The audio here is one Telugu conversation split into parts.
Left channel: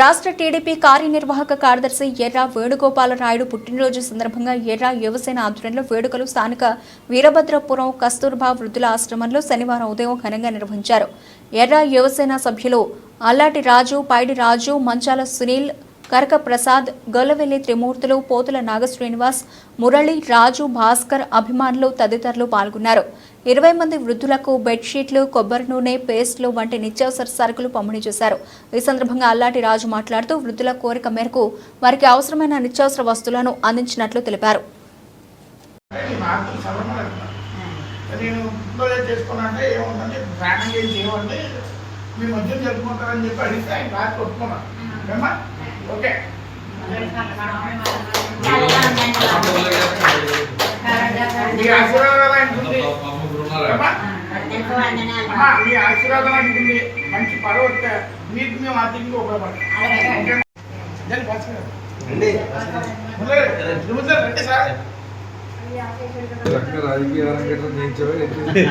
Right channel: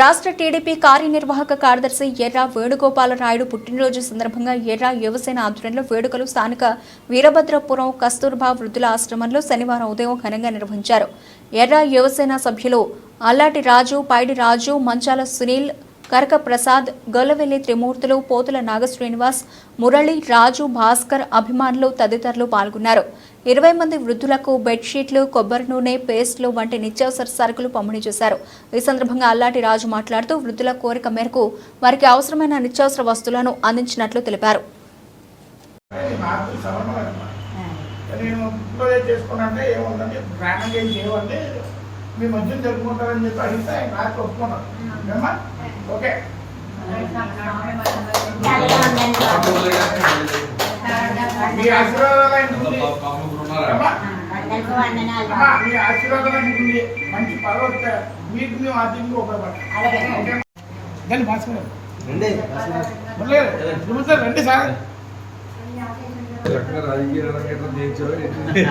రాష్ట్ర టీడీపీ కార్యనిర్వాహక కార్యదర్శి ఎర్ర వేణుగోపాలరాయుడు పుట్టినరోజు సందర్భంగా ఎర్ర యువసేన ఆధ్వర్యంలో వేడుకలు స్థానిక వీరభద్రపురం కస్తూర్బా వృద్ధుల ఆశ్రమంలో శనివారం ఉదయం ఘనంగా నిర్వహించారు. ఎర్ర యువసేన సభ్యులు అల్లాటి రాజు పైడి రాజు మంచాల సునీల్ కరక ప్రసాద్ గొల్లవెల్లి త్రిమూర్తులు పోతుల నాగశ్రీనివాస్ మురళి రాజు భాస్కర్ అభిమానులు తదితరులు పాల్గొన్నారు. ఇరవై మంది వృద్ధులకు బెడ్షీట్లు కొబ్బరి నూనె పేస్ట్లు వంటి నిత్యావసర సరుకులు పంపిణీ చేశారు. ఈ సందర్భంగా అల్లాటి రాజు మాట్లాడుతూ వృద్ధుల కోరిక మేరకు వారికి అవసరమైన నిత్యావసర వస్తువులను అందించినట్లు తెలిపారు. మధ్య జరుపుకుంటారని చెప్పి అడిగితే ఆయన రాత్రి ఒప్పుకున్నాను ఓకే మీ ఆశీర్వాదాలు ఆయన ఉంది. ఏమ్మా? అమ్మా, మీ ఆశీర్వాదం ఆయన ఉంది మంచి పదవి వస్తే మీకు మేము ఆర్థికంగా ఉపయోగపడతాం ఓకే? నేను భాస్కర్ గారు. లేదు, గురువుగారు రండి సార్ రకంగా రాజకీయ రంగంలో చేయించారో ఏంటి?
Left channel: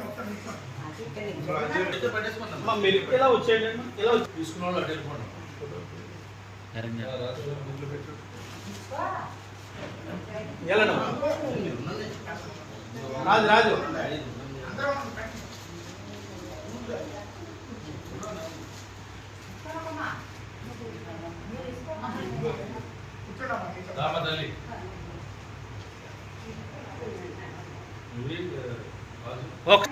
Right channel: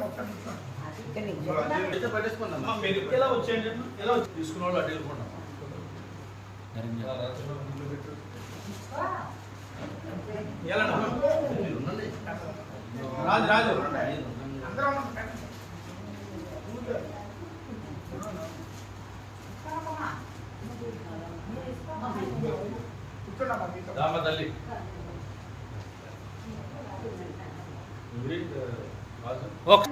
మొత్తం తీసుకోండి. మీరు ఎప్పుడు ఎలా వచ్చేయండి ఎలా తీసుకున్న వాళ్ళు అటు వెళ్ళిపోండి ఏలన్నా? రాజు రాజు అందరం ఉంటాం. కూర్చోండమ్మా, మీతో. రామ తల్లి ఎవరి రాజు ఓకే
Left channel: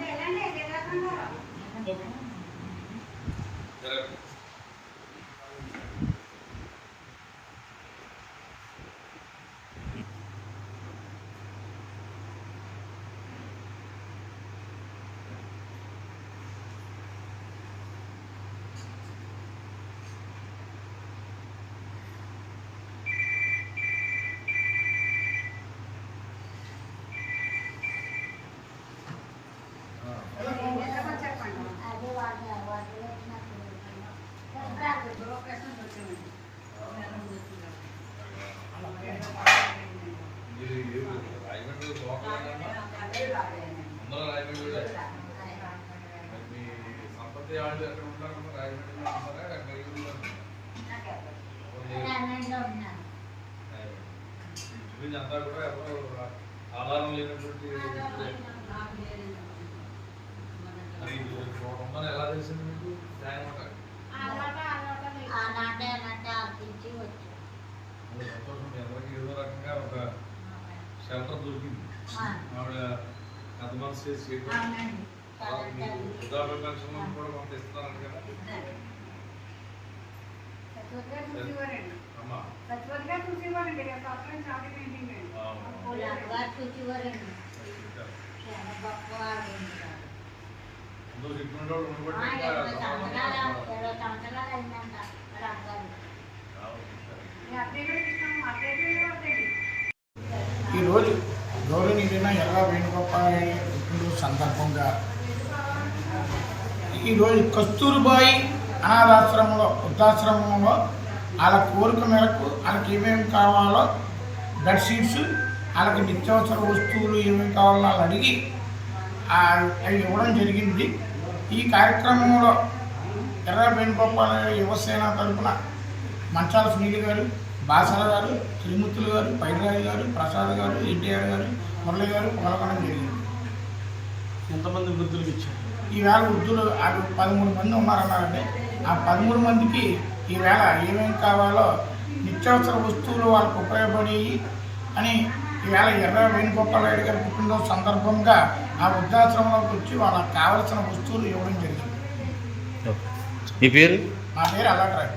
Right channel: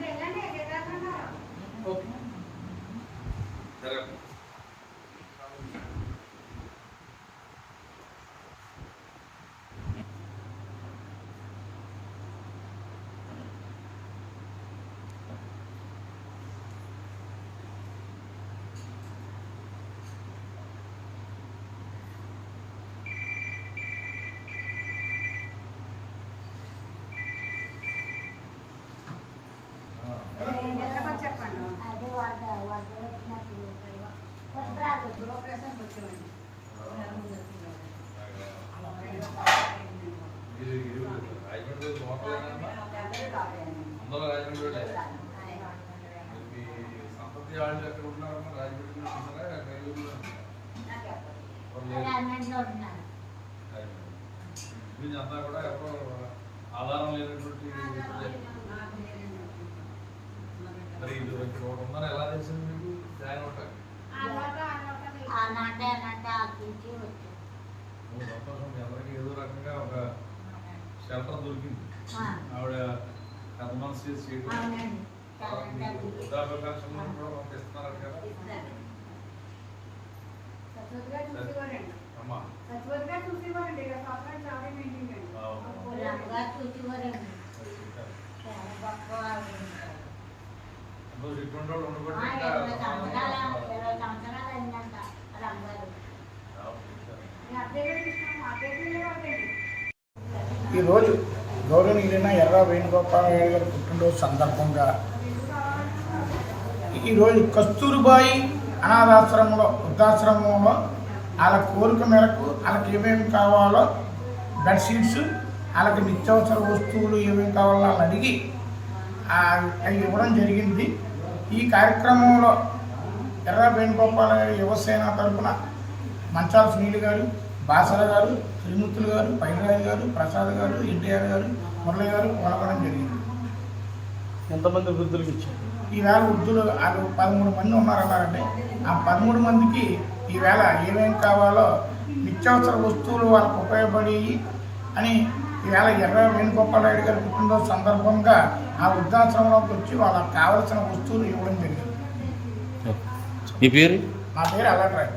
ఎక్కడ ఉన్నారమ్మా ఉన్నారా కూడా ఎవరో ఆధారం లేనటువంటి మరి ఉందని ఎలా తెలిసింది మీకు న్యాయం ఉంటాయి సంతోషం అందరికీ ఏదో రకంగా ఒక షెల్టర్ దొరికింది ఆవిడ ఎంత మనసు చేసి చేయడం కూడా కదా అమ్మా ఇటువంటి వాళ్ళు ఉండబట్టి ఈరోజు గౌరవనీయులైన ఎర్ర వేణుగోపాలయ్య గారి పుట్టినరోజు సందర్భంగా ఈరోజు కస్తూరిబాయి అనాథాశ్రమంలో వృద్ధాశ్రమంలో వాళ్ళ కోరిక మేరకు వాళ్ళకి ఏమేమి కావాలో బెడ్షీట్స్ వాళ్ళకి నిత్యావసర వస్తువులు ఏమేమి కావాలో వాళ్ళు అడిగి అవి ఇవ్వడం జరిగింది. ఈ కార్యక్రమంలో ఎర్ర గారు యువసేన తరపున మంచాల సునీల్ గారు బాసర గారు శ్రీమూర్తులు గారు పైరాజు గారు ప్రసాద్ గారు ఎన్టీఆర్ గారు మురళి గారు పాల్గొనడం జరిగింది. ఎంతమంది వృద్ధులకు ఇచ్చారు? ఈవేళ వృద్ధులు వాళ్ళు పదమూడు మంది ఉన్నారన్నారండి. ఆ పదమూడు మందికి ఈవేళ ఏమేం కావాలో నిత్యావసర వస్తువులు వాళ్ళకు ఉపయోగపడేవి అని ఈవేళ ఎర్ర వేణుగోపాలరెడ్డి గారి పుట్టినరోజు సందర్భంగా ఆ వృద్ధాశ్రమంలోకి వచ్చి వాళ్ళకి కావలసిన వస్తువులు ఇవ్వడం జరిగింది. మీ పేరు? నా పేరు అల్లట్రాయ్.